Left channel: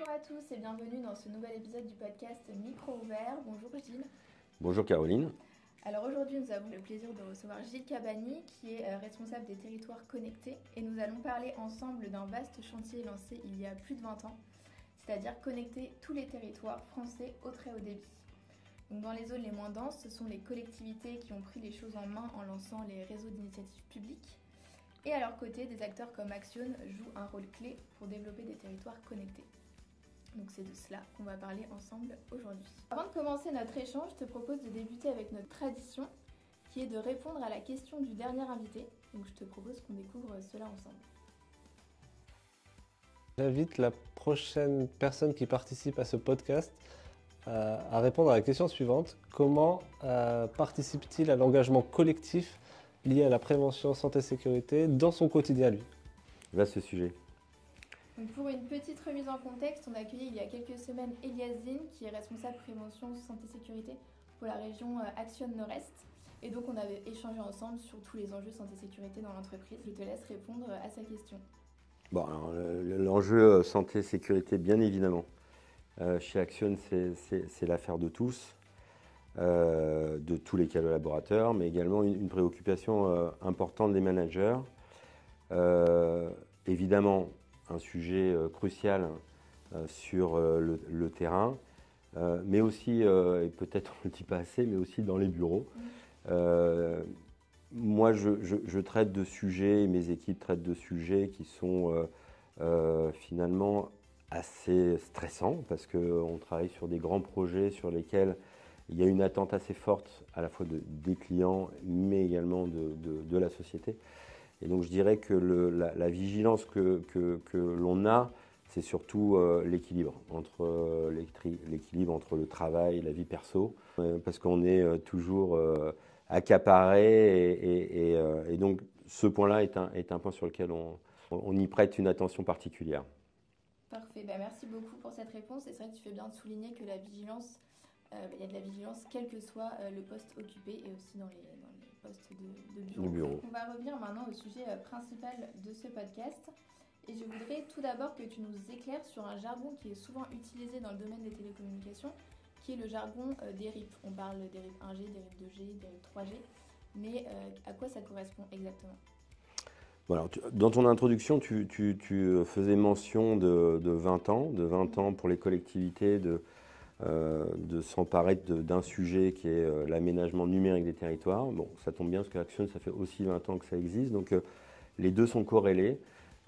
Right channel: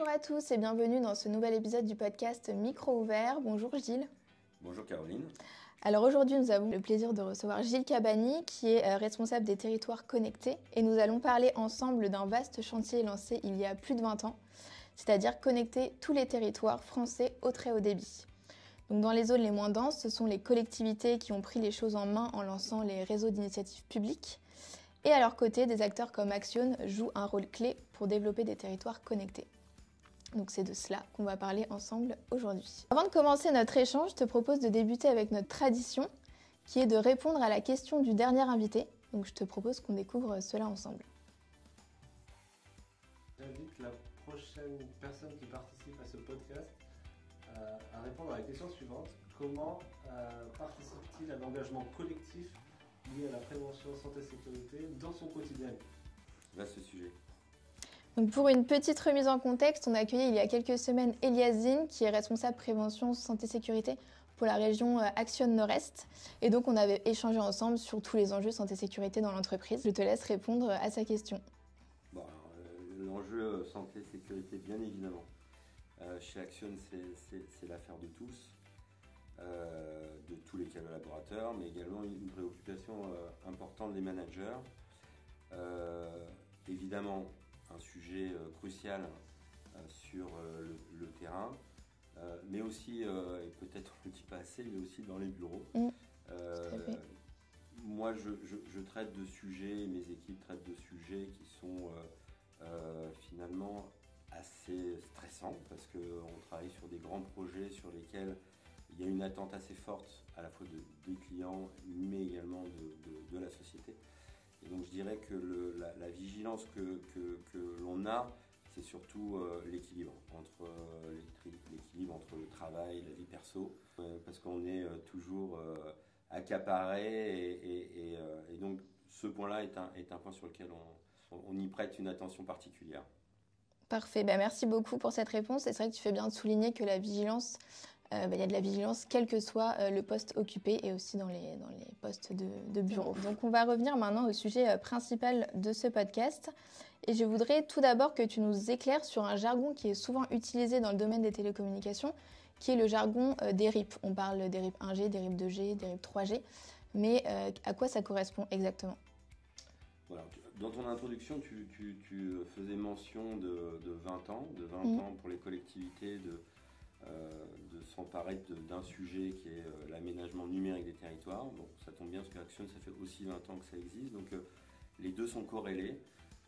Bonjour à tous et bienvenue dans ce nouvel épisode du podcast Micro Ouvert. Bonjour Gilles. Bonjour Caroline. Alors aujourd'hui nous avons le plaisir de recevoir Gilles Cabani qui est responsable des territoires connectés et nous allons parler ensemble d'un vaste chantier lancé il y a plus de 20 ans, c'est-à-dire connecter tous les territoires français au très haut débit. Donc dans les zones les moins denses, ce sont les collectivités qui ont pris les choses en main en lançant les réseaux d'initiatives publiques. Et à leur côté, des acteurs comme Axione jouent un rôle clé pour développer des territoires connectés. Donc c'est de cela qu'on va parler ensemble aujourd'hui. Avant de commencer notre échange, je te propose de débuter avec notre tradition, qui est de répondre à la question du dernier invité. Donc je te propose qu'on découvre cela ensemble. J'invite la prochaine personne qui participe à ce podcast à répondre à la question suivante. Comment participe-t-il à l'engagement collectif lié à la prévention santé-sécurité dans son quotidien, lui? Vaste sujet. Donc pour une petite remise en contexte, on a accueilli il y a quelques semaines Elias Zine, qui est responsable prévention santé-sécurité pour la région Axione Nord-Est. Et donc on avait échangé ensemble sur tous les enjeux santé-sécurité dans l'entreprise. Je te laisse répondre à sa question. Bon, alors, l'enjeu santé-sécurité, bien évidemment. Chez Axione, c'est l'affaire de tous. De tous les collaborateurs, mais également une préoccupation importante des managers. Évidemment, un sujet crucial sur le terrain, mais aussi, et peut-être on ne le dit pas assez, mais aussi dans les bureaux. Moi, je traite de sujets, mes équipes traitent de sujets qui sont finalement assez stressants, parce qu'on travaille sur des grands projets sur lesquels il y a une attente assez forte à la fois des clients, mais également de la société. Et donc je dirais que la vigilance que l'on a, c'est surtout l'équilibre entre le travail et la vie perso, parce qu'on est toujours accaparé, et donc ce point-là est un point sur lequel on y prête une attention particulière. Parfait, merci beaucoup pour cette réponse. Et c'est vrai que tu fais bien de souligner que la vigilance, il y a de la vigilance quel que soit le poste occupé et aussi dans les postes de bureau. Donc on va revenir maintenant au sujet principal de ce podcast. Et je voudrais tout d'abord que tu nous éclaires sur un jargon qui est souvent utilisé dans le domaine des télécommunications, qui est le jargon des RIP. On parle des RIP 1G, des RIP 2G, des RIP 3G. Mais à quoi ça correspond exactement ? Voilà, dans ton introduction, tu faisais mention de 20 ans pour les collectivités, de s'emparer d'un sujet qui est l'aménagement numérique des territoires. Bon, ça tombe bien parce qu'Axione, ça fait aussi 20 ans que ça existe, donc les deux sont corrélés.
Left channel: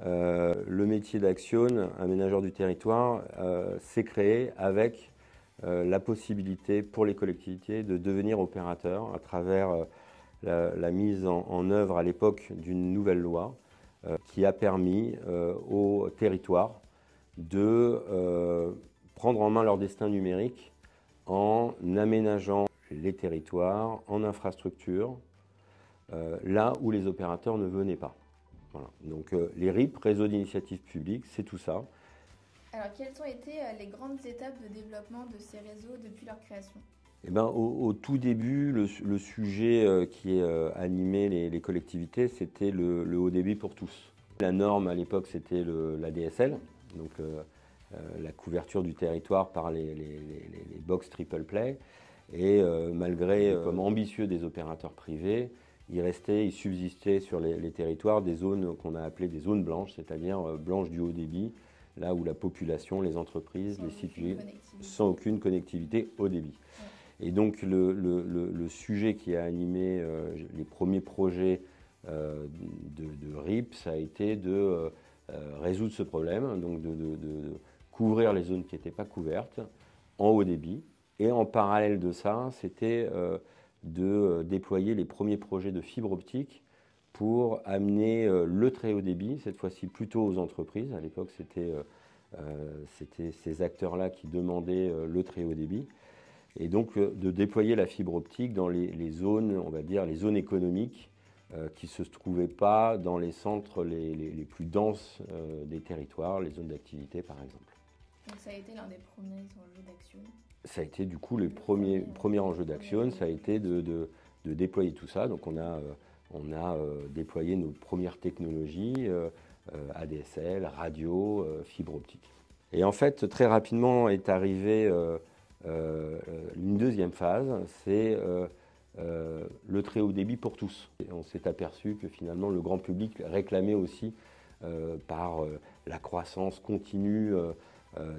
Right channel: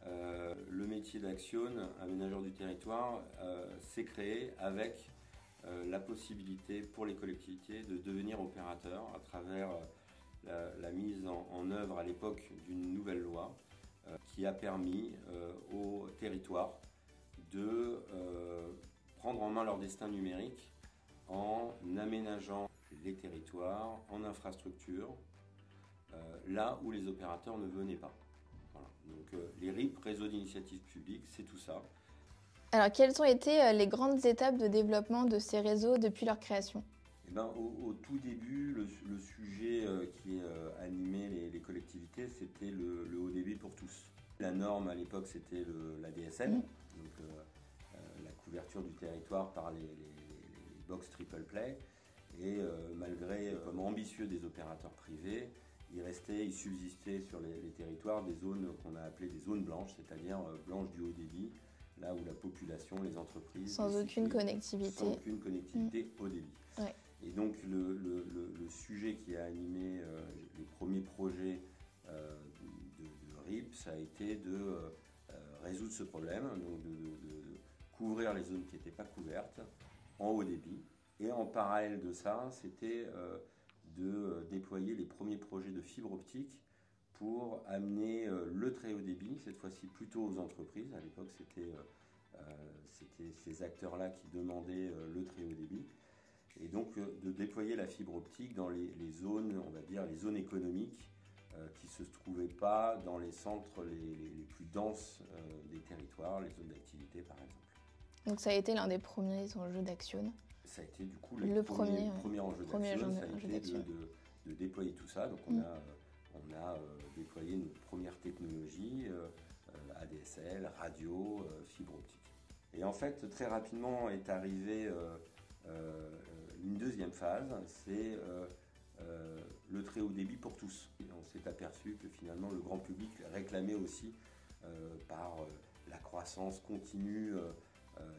Le métier d'Axione, aménageur du territoire, s'est créé avec la possibilité pour les collectivités de devenir opérateurs à travers la mise en œuvre à l'époque d'une nouvelle loi qui a permis aux territoires de prendre en main leur destin numérique en aménageant les territoires en infrastructure là où les opérateurs ne venaient pas. Voilà. Donc les RIP, réseaux d'initiatives publiques, c'est tout ça. Alors quelles ont été les grandes étapes de développement de ces réseaux depuis leur création ? Au tout début, le sujet qui animait les collectivités, c'était le haut débit pour tous. La norme à l'époque, c'était la DSL, donc la couverture du territoire par les box triple play. Et malgré comme ambitieux des opérateurs privés, il subsistait sur les territoires des zones qu'on a appelées des zones blanches, c'est-à-dire blanches du haut débit, là où la population, les entreprises, sans aucune connectivité haut débit. Ouais. Et donc le sujet qui a animé les premiers projets de RIP, ça a été de résoudre ce problème, donc de couvrir les zones qui n'étaient pas couvertes en haut débit. Et en parallèle de ça, c'était de déployer les premiers projets de fibre optique pour amener le très haut débit, cette fois-ci plutôt aux entreprises. À l'époque, c'était ces acteurs-là qui demandaient le très haut débit. Et donc de déployer la fibre optique dans les zones, on va dire, les zones économiques qui ne se trouvaient pas dans les centres les plus denses des territoires, les zones d'activité par exemple. Donc ça a été l'un des premiers enjeux d'Axione. Ça a été du coup le premier enjeu d'Axione, ça a été de déployer tout ça. Donc on a déployé nos premières technologies, ADSL, radio, fibre optique. Et en fait, très rapidement est arrivée une deuxième phase, c'est le très haut débit pour tous. Et on s'est aperçu que finalement le grand public réclamait aussi par la croissance continue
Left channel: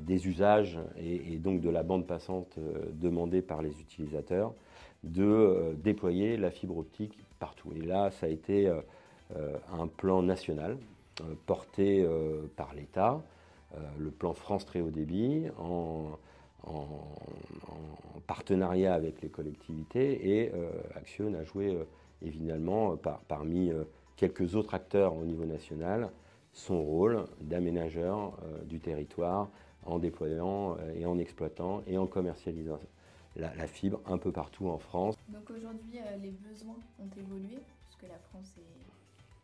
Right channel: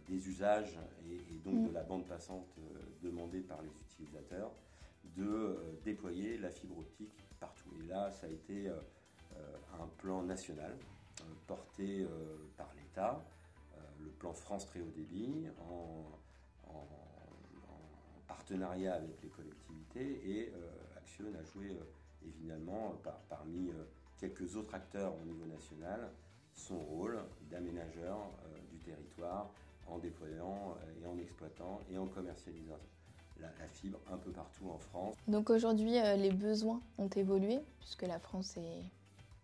des usages et donc de la bande passante demandée par les utilisateurs, de déployer la fibre optique partout. Et là, ça a été un plan national porté par l'État, le plan France Très Haut Débit, en partenariat avec les collectivités, et Axione a joué évidemment parmi quelques autres acteurs au niveau national son rôle d'aménageur du territoire en déployant et en exploitant et en commercialisant la fibre un peu partout en France. Donc aujourd'hui, les besoins ont évolué, puisque la France est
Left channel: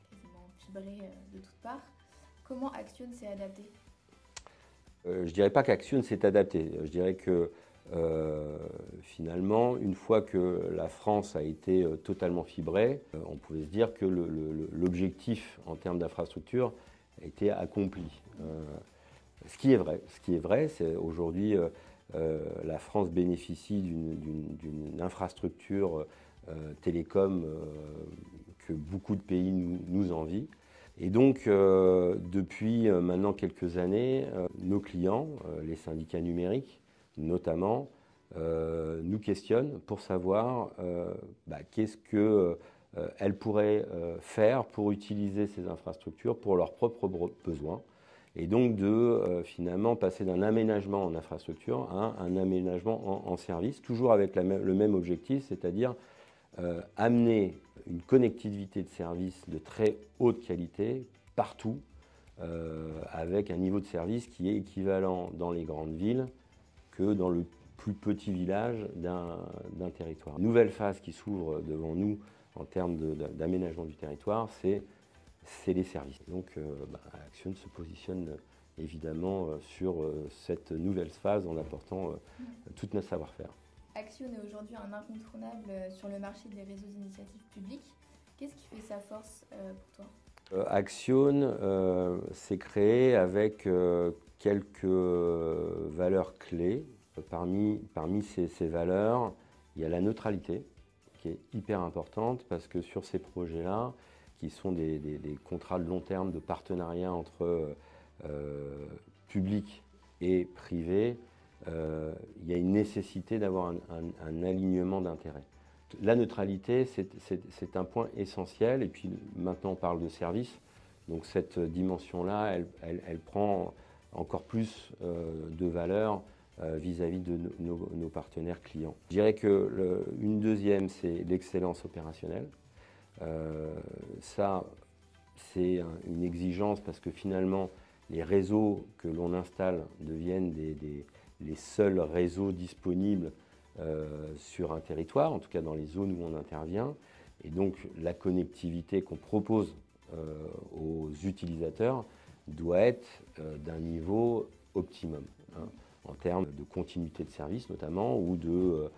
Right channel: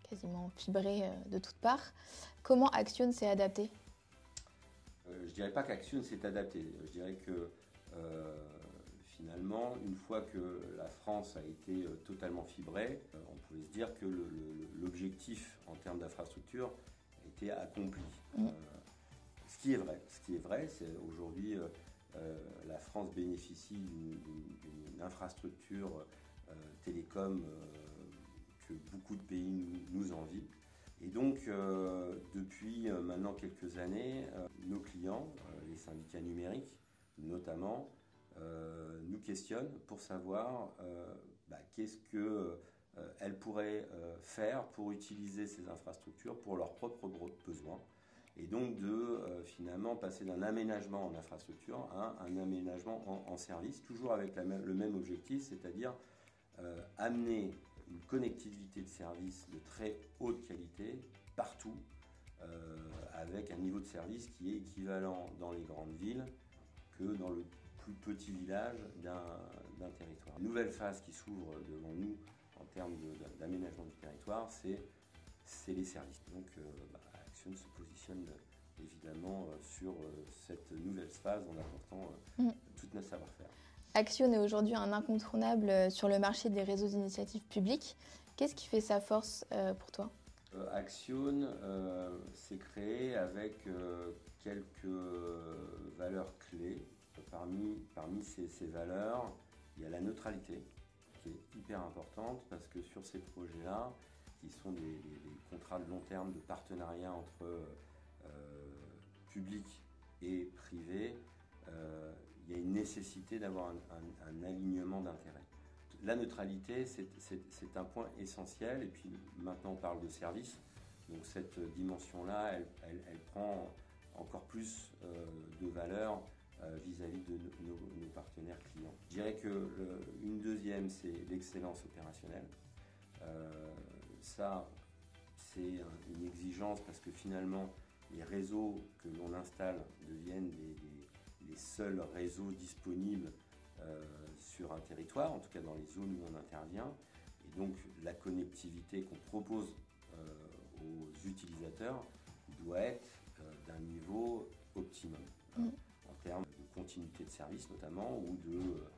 quasiment fibrée de toutes parts. Comment Axione s'est adapté ? Je ne dirais pas qu'Axione s'est adapté. Je dirais que finalement, une fois que la France a été totalement fibrée, on pouvait se dire que l'objectif en termes d'infrastructure a été accompli. Ce qui est vrai, c'est aujourd'hui la France bénéficie d'une infrastructure télécom que beaucoup de pays nous envient. Et donc, depuis maintenant quelques années, nos clients, les syndicats numériques notamment, nous questionnent pour savoir qu'est-ce qu'elles pourraient faire pour utiliser ces infrastructures pour leurs propres besoins. Et donc de finalement passer d'un aménagement en infrastructure à un aménagement en service, toujours avec le même objectif, c'est-à-dire amener une connectivité de service de très haute qualité partout, avec un niveau de service qui est équivalent dans les grandes villes que dans le plus petit village d'un territoire. Une nouvelle phase qui s'ouvre devant nous en termes d'aménagement du territoire, c'est les services. Donc Axione se positionne évidemment sur cette nouvelle phase en apportant tout notre savoir-faire. Axione est aujourd'hui un incontournable sur le marché des réseaux d'initiative publique. Qu'est-ce qui fait sa force pour toi ? Axione s'est créé avec quelques valeurs clés. Parmi ces valeurs, il y a la neutralité, qui est hyper importante, parce que sur ces projets-là, qui sont des contrats de long terme de partenariat entre public et privé, il y a une nécessité d'avoir un alignement d'intérêts. La neutralité, c'est un point essentiel, et puis maintenant on parle de service, donc cette dimension-là, elle prend encore plus de valeur vis-à-vis de nos partenaires clients. Je dirais qu'une deuxième, c'est l'excellence opérationnelle. Ça, c'est une exigence parce que finalement, les réseaux que l'on installe deviennent les seuls réseaux disponibles sur un territoire, en tout cas dans les zones où on intervient. Et donc, la connectivité qu'on propose aux utilisateurs doit être d'un niveau optimum, en termes de continuité de service notamment, ou de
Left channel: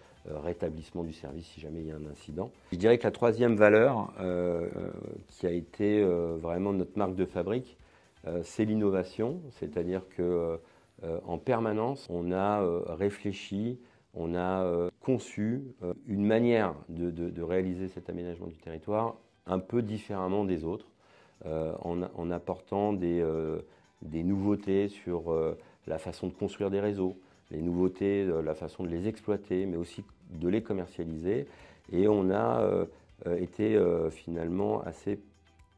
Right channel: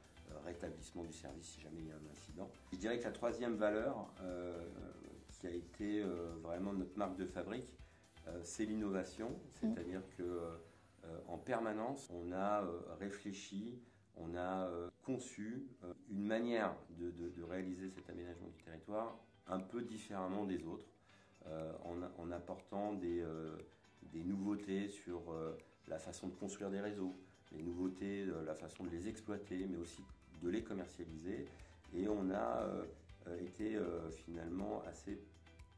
rétablissement du service si jamais il y a un incident. Je dirais que la troisième valeur, qui a été vraiment notre marque de fabrique, c'est l'innovation, c'est-à-dire qu'en permanence, on a réfléchi, on a conçu une manière de réaliser cet aménagement du territoire un peu différemment des autres, en apportant des nouveautés sur la façon de construire des réseaux, les nouveautés, la façon de les exploiter, mais aussi de les commercialiser. Et on a été finalement assez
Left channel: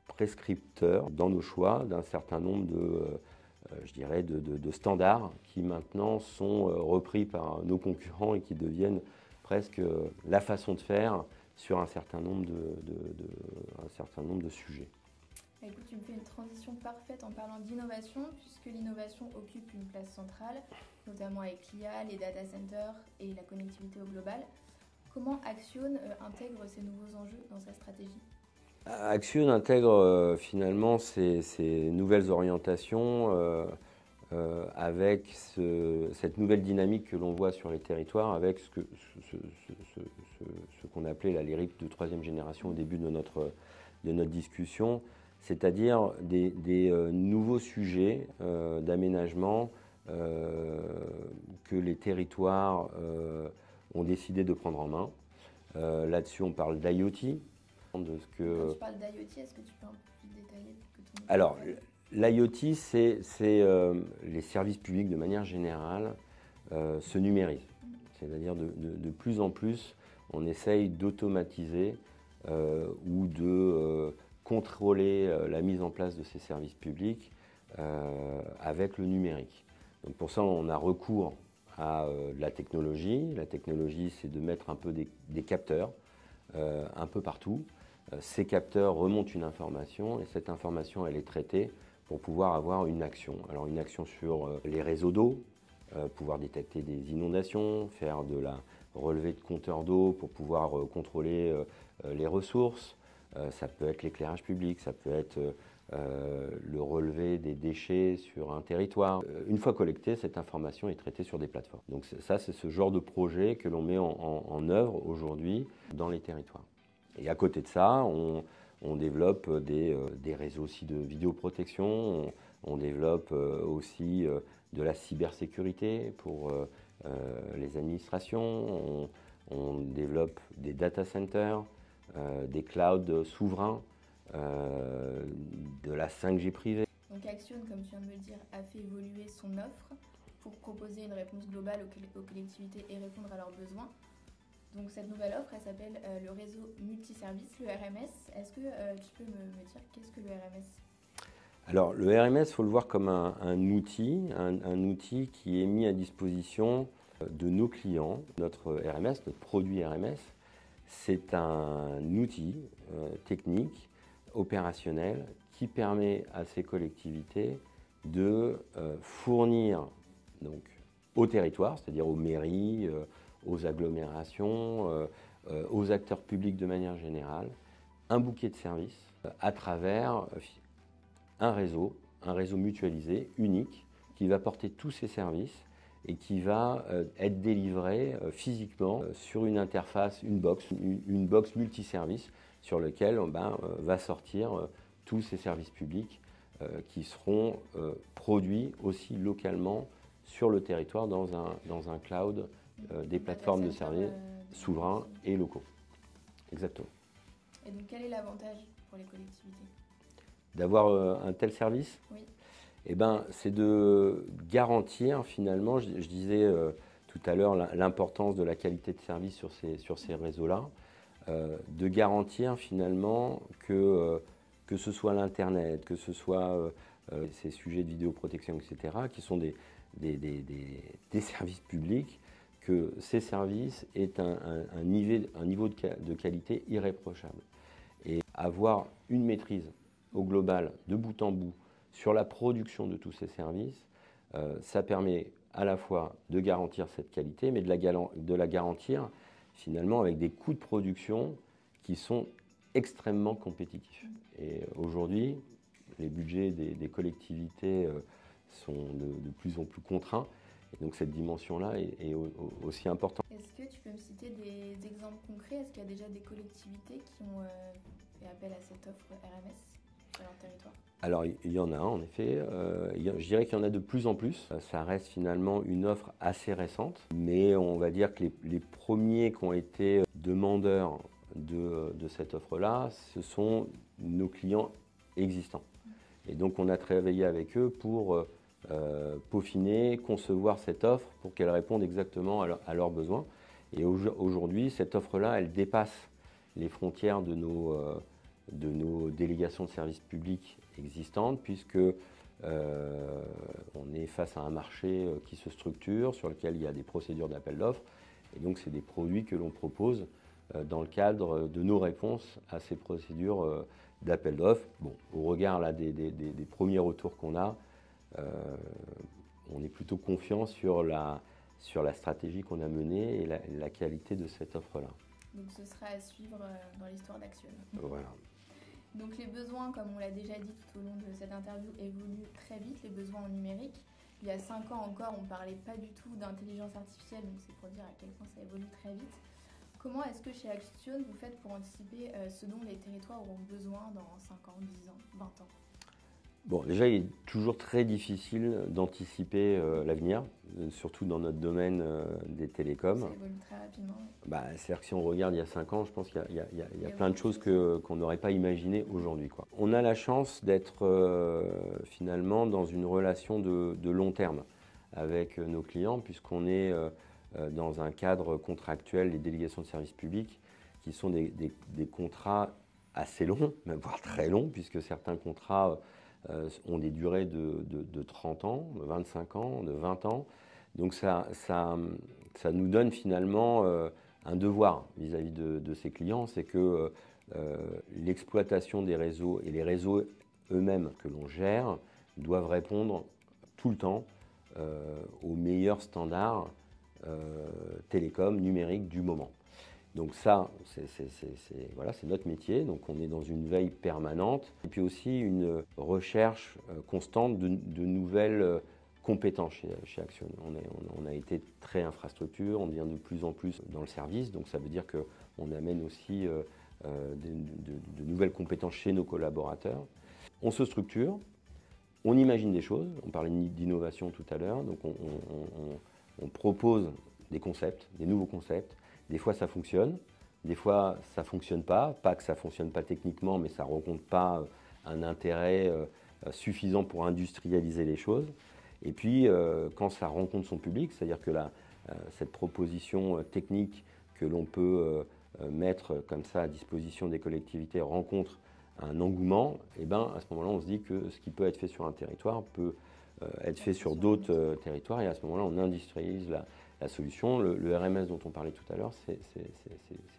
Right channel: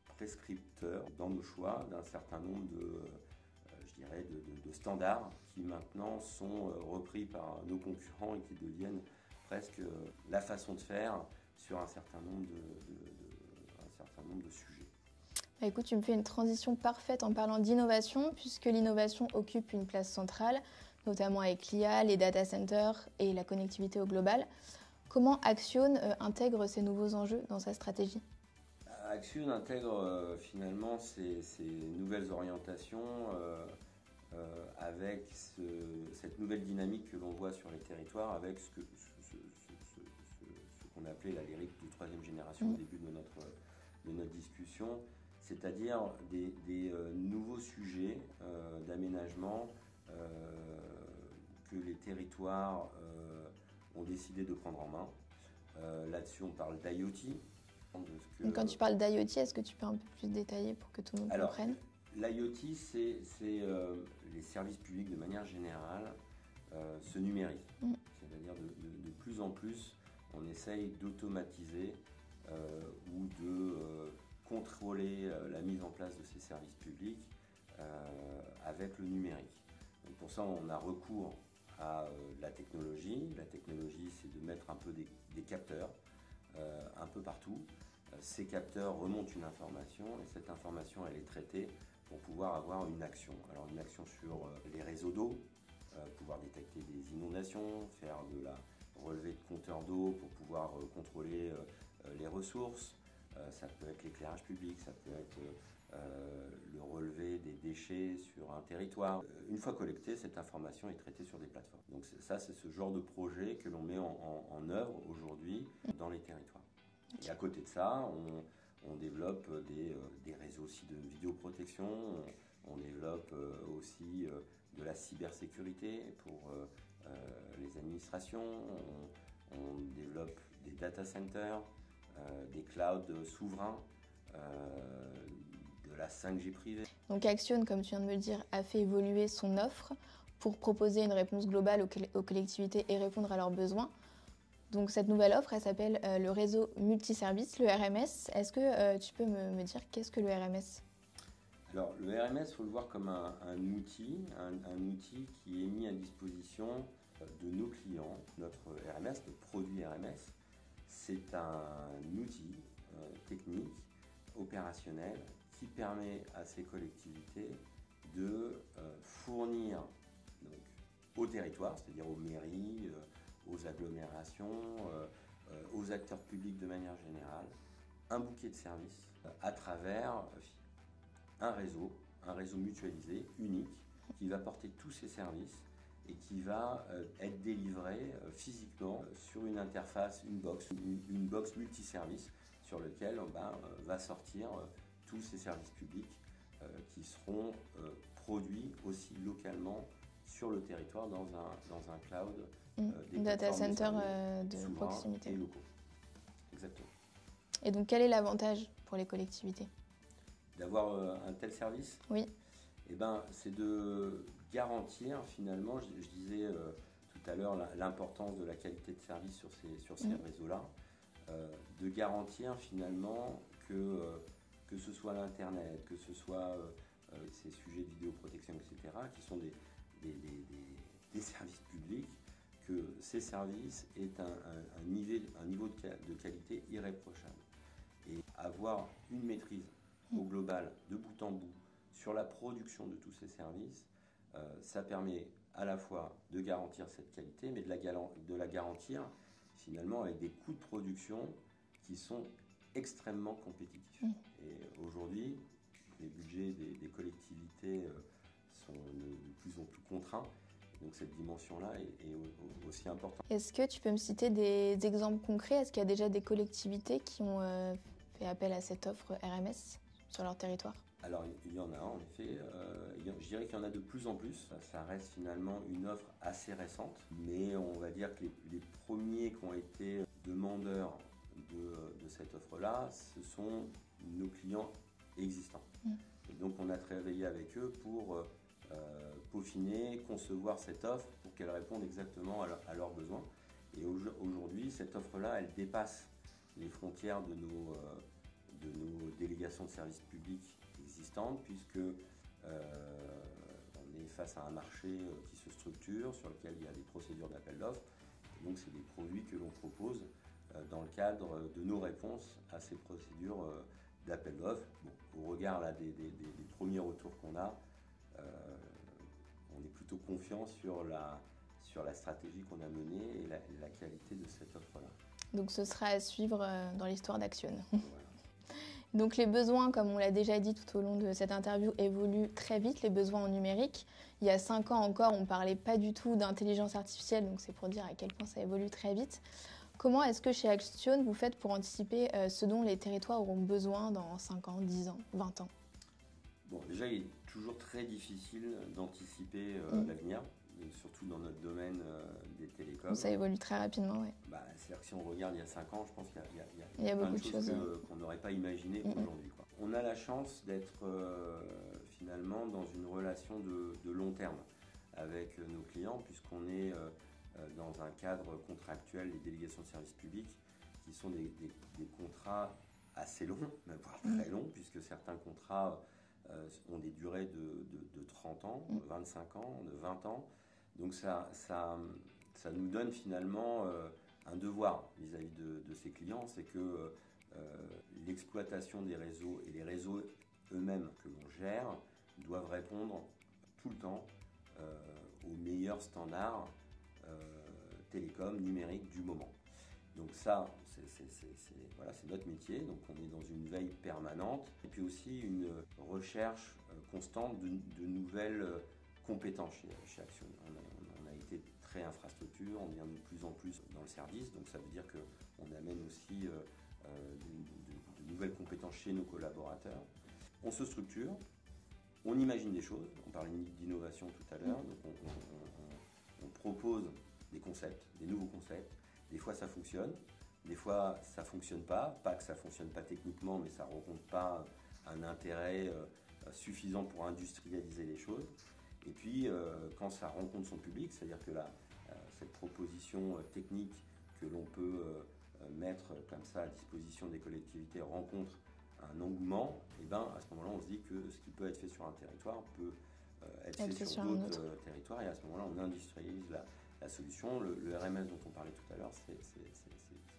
prescripteur dans nos choix d'un certain nombre de standards qui maintenant sont repris par nos concurrents et qui deviennent presque la façon de faire sur un certain nombre de sujets. Écoute, tu me fais une transition parfaite en parlant d'innovation, puisque l'innovation occupe une place centrale, notamment avec l'IA, les data centers et la connectivité au global. Comment Axione intègre ces nouveaux enjeux dans sa stratégie ? Axione intègre finalement ces nouvelles orientations avec cette nouvelle dynamique que l'on voit sur les territoires, avec ce qu'on appelait les RIP de troisième génération au début de notre discussion, c'est-à-dire des nouveaux sujets d'aménagement que les territoires ont décidé de prendre en main. Là-dessus, on parle d'IoT. Quand tu parles d'IoT, est-ce que tu peux un peu plus détailler pour que tout le monde Alors, comprenne? l'IoT, c'est les services publics de manière générale se numérisent. C'est-à-dire de plus en plus, on essaye d'automatiser ou de contrôler la mise en place de ces services publics avec le numérique. Donc pour ça, on a recours à la technologie. La technologie, c'est de mettre un peu des capteurs un peu partout. Ces capteurs remontent une information et cette information, elle est traitée pour pouvoir avoir une action. Alors une action sur les réseaux d'eau, pouvoir détecter des inondations, faire de la relevée de compteurs d'eau pour pouvoir contrôler les ressources. Ça peut être l'éclairage public, ça peut être le relevé des déchets sur un territoire. Une fois collectée, cette information est traitée sur des plateformes. Donc ça, c'est ce genre de projet que l'on met en œuvre aujourd'hui dans les territoires. Et à côté de ça, on développe des réseaux aussi de vidéoprotection, on développe aussi de la cybersécurité pour les administrations, on développe des data centers, des clouds souverains, de la 5G privée. Donc Action, comme tu viens de me le dire, a fait évoluer son offre pour proposer une réponse globale aux collectivités et répondre à leurs besoins. Donc cette nouvelle offre, elle s'appelle le réseau multiservice, le RMS. Est-ce que tu peux me dire qu'est-ce que le RMS? Alors le RMS, il faut le voir comme un outil qui est mis à disposition de nos clients. Notre RMS, notre produit RMS, c'est un outil technique, opérationnel, qui permet à ces collectivités de fournir donc, au territoire, c'est-à-dire aux mairies, aux agglomérations, aux acteurs publics de manière générale, un bouquet de services à travers un réseau mutualisé, unique, qui va porter tous ces services et qui va être délivré physiquement sur une interface, une box multiservice sur lequel va sortir tous ces services publics qui seront produits aussi localement sur le territoire dans un cloud des plateformes de services souverains et locaux. Exactement. Et donc quel est l'avantage pour les collectivités d'avoir un tel service? Oui. Eh ben, c'est de garantir finalement, je disais tout à l'heure l'importance de la qualité de service sur ces réseaux-là, de garantir finalement que ce soit l'Internet, que ce soit ces sujets de vidéoprotection, etc., qui sont des services publics, que ces services aient un niveau de qualité irréprochable. Et avoir une maîtrise au global, de bout en bout, sur la production de tous ces services, ça permet à la fois de garantir cette qualité, mais de la garantir finalement avec des coûts de production qui sont extrêmement compétitifs. Et aujourd'hui, les budgets des collectivités sont de plus en plus contraints. Et donc cette dimension-là est aussi importante. Est-ce que tu peux me citer des exemples concrets? Est-ce qu'il y a déjà des collectivités qui ont fait appel à cette offre RMS sur leur territoire? Alors il y en a en effet, je dirais qu'il y en a de plus en plus. Ça reste finalement une offre assez récente, mais on va dire que les premiers qui ont été demandeurs de cette offre-là, ce sont nos clients existants. Et donc on a travaillé avec eux pour peaufiner, concevoir cette offre pour qu'elle réponde exactement à leurs besoins. Et aujourd'hui, cette offre-là, elle dépasse les frontières de nos délégations de services publics existantes, puisque on est face à un marché qui se structure, sur lequel il y a des procédures d'appel d'offres. Et donc, c'est des produits que l'on propose dans le cadre de nos réponses à ces procédures d'appel d'offres. Bon, au regard là, des premiers retours qu'on a, on est plutôt confiant sur la stratégie qu'on a menée et la qualité de cette offre-là. Donc ce sera à suivre dans l'histoire d'Action. Voilà. Donc les besoins, comme on l'a déjà dit tout au long de cette interview, évoluent très vite, les besoins en numérique. Il y a 5 ans encore, on ne parlait pas du tout d'intelligence artificielle, donc c'est pour dire à quel point ça évolue très vite. Comment est-ce que chez Action, vous faites pour anticiper ce dont les territoires auront besoin dans 5 ans, 10 ans, 20 ans? Bon, déjà, il est toujours très difficile d'anticiper l'avenir, surtout dans notre domaine des télécoms. Ça évolue très rapidement, oui. C'est-à-dire que si on regarde il y a 5 ans, je pense qu'il y a plein de beaucoup de choses choses, qu'on n'aurait pas imaginées aujourd'hui, quoi. On a la chance d'être finalement dans une relation de long terme avec nos clients, puisqu'on est dans un cadre contractuel, les délégations de services publics, qui sont des contrats assez longs, même voire très longs, puisque certains contrats ont des durées de 30 ans, de 25 ans, de 20 ans. Donc ça nous donne finalement un devoir vis-à-vis de ces clients, c'est que l'exploitation des réseaux et les réseaux eux-mêmes que l'on gère doivent répondre tout le temps aux meilleurs standards télécom, numériques du moment. Donc ça, c'est notre métier. Donc on est dans une veille permanente et puis aussi une recherche constante de nouvelles compétences chez Axione. On a été très infrastructure, on devient de plus en plus dans le service. Donc ça veut dire qu'on amène aussi de nouvelles compétences chez nos collaborateurs. On se structure, on imagine des choses. On parlait d'innovation tout à l'heure. Donc on propose des concepts, des nouveaux concepts. Des fois, ça fonctionne. Des fois, ça ne fonctionne pas. Pas que ça ne fonctionne pas techniquement, mais ça ne rencontre pas un intérêt suffisant pour industrialiser les choses. Et puis, quand ça rencontre son public, c'est-à-dire que cette proposition technique que l'on peut mettre comme ça à disposition des collectivités rencontre un engouement, et ben, à ce moment-là, on se dit que ce qui peut être fait sur un territoire peut être fait sur d'autres territoires. Et à ce moment-là, on industrialise la solution. Le RMS dont on parlait tout à l'heure, c'est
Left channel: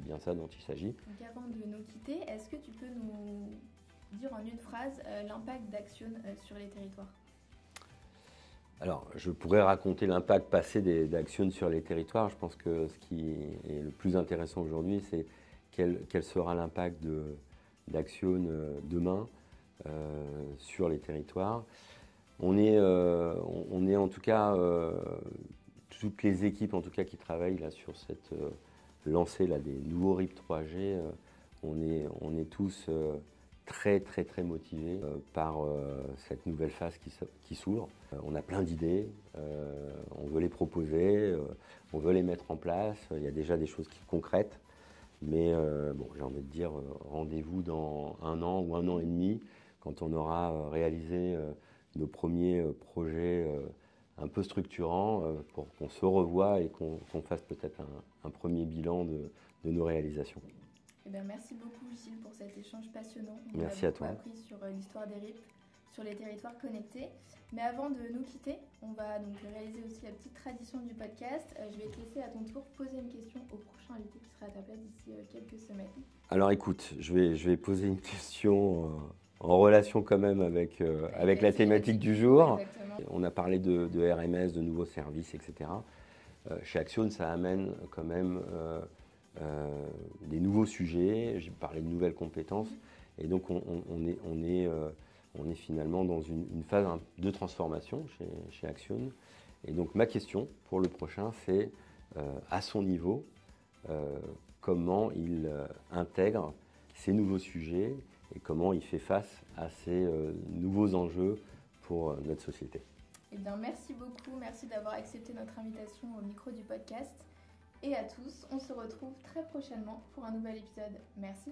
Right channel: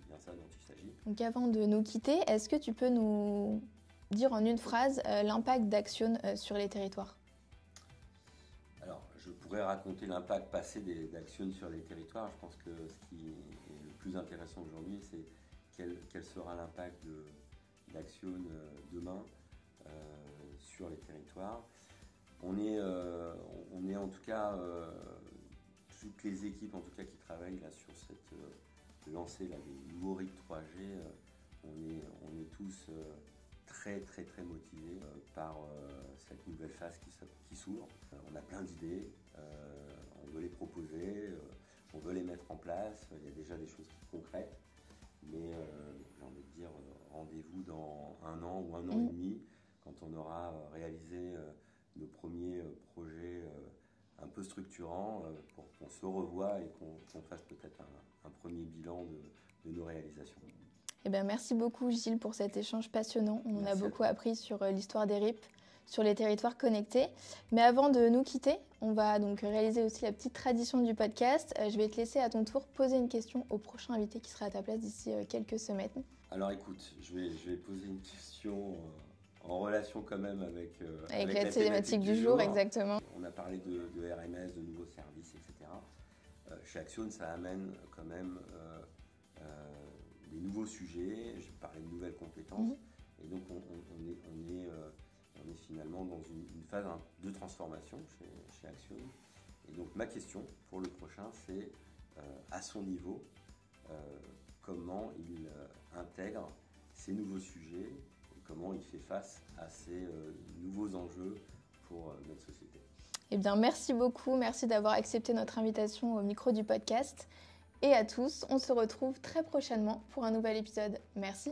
bien ça dont il s'agit. Donc avant de nous quitter, est-ce que tu peux nous dire en une phrase l'impact d'Axione sur les territoires ? Alors, je pourrais raconter l'impact passé d'Axione sur les territoires. Je pense que ce qui est le plus intéressant aujourd'hui, c'est quel sera l'impact d'Axione demain sur les territoires. On est en tout cas, toutes les équipes en tout cas qui travaillent là sur cette lancée là, des nouveaux RIP 3G, on est tous très motivés par cette nouvelle phase qui s'ouvre. On a plein d'idées, on veut les proposer, on veut les mettre en place. Il y a déjà des choses concrètes, mais bon, j'ai envie de dire rendez-vous dans 1 an ou 1 an et demi, quand on aura réalisé nos premiers projets un peu structurants pour qu'on se revoie et qu'on fasse peut-être un premier bilan de nos réalisations. Eh bien, merci beaucoup Gilles pour cet échange passionnant. On Merci a beaucoup appris sur l'histoire des RIP, sur les territoires connectés. Mais avant de nous quitter, on va donc réaliser aussi la petite tradition du podcast. Je vais te laisser à ton tour poser une question au prochain invité qui sera à ta place d'ici quelques semaines. Alors écoute, je vais poser une question en relation quand même avec la thématique du jour. Exactement. On a parlé de RMS, de nouveaux services, etc. Chez Axione, ça amène quand même des nouveaux sujets. J'ai parlé de nouvelles compétences. Et donc on est finalement dans une phase de transformation chez Axione. Et donc ma question pour le prochain, c'est à son niveau, comment il intègre ces nouveaux sujets et comment il fait face à ces nouveaux enjeux pour notre société. Eh bien, merci beaucoup. Merci d'avoir accepté notre invitation au micro du podcast. Et à tous, on se retrouve très prochainement pour un nouvel épisode. Merci.